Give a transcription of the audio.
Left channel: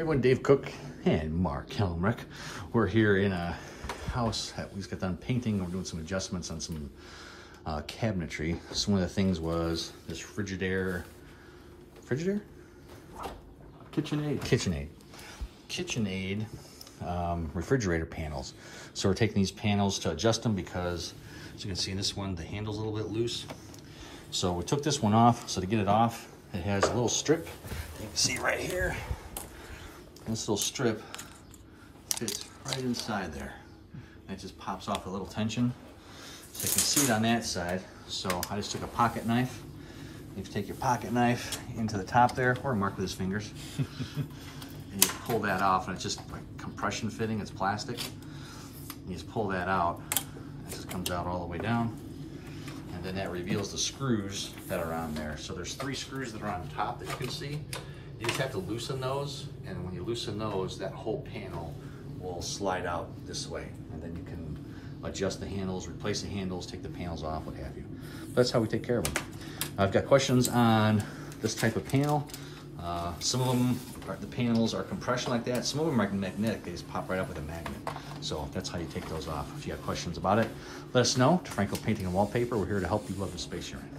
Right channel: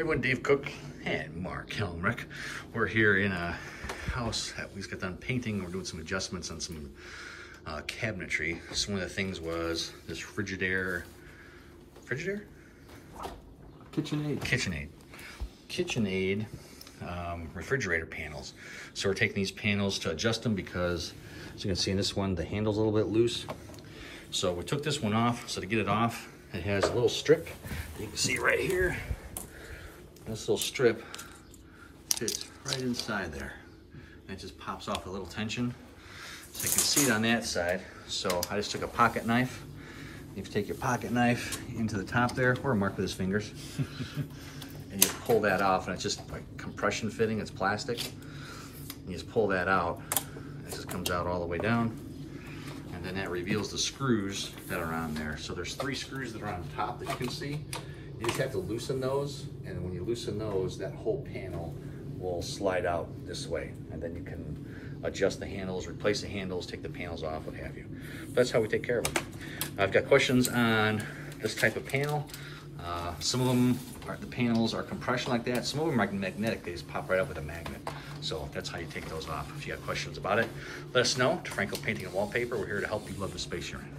Everyone, Dave Cook and Mark Helmrich. We're here in a house that we just got done painting. We're doing some adjustments on some cabinetry. So one of the things was this KitchenAid refrigerator panels. So we're taking these panels to adjust them because, as you can see in this one, the handle's a little bit loose. So we took this one off. So to get it off, it has a little strip that you can see right here. This little strip fits right inside there. And it just pops off a little tension. So you can see it on that side. So I just took a pocket knife. You take your pocket knife into the top there, or Mark with his fingers. And you pull that off, and it's just like compression fitting, it's plastic. And you just pull that out, it just comes out all the way down. And then that reveals the screws that are on there. So there's 3 screws that are on top that you can see. You just have to loosen those, and when you loosen those, that whole panel will slide out this way. And then you can adjust the handles, replace the handles, take the panels off, what have you. That's how we take care of them. I've got questions on this type of panel. Some of them, the panels are compression like that. Some of them are magnetic. They just pop right up with a magnet. So that's how you take those off. If you have questions about it, let us know. To Franco Painting and Wallpaper, we're here to help you love the space you're in.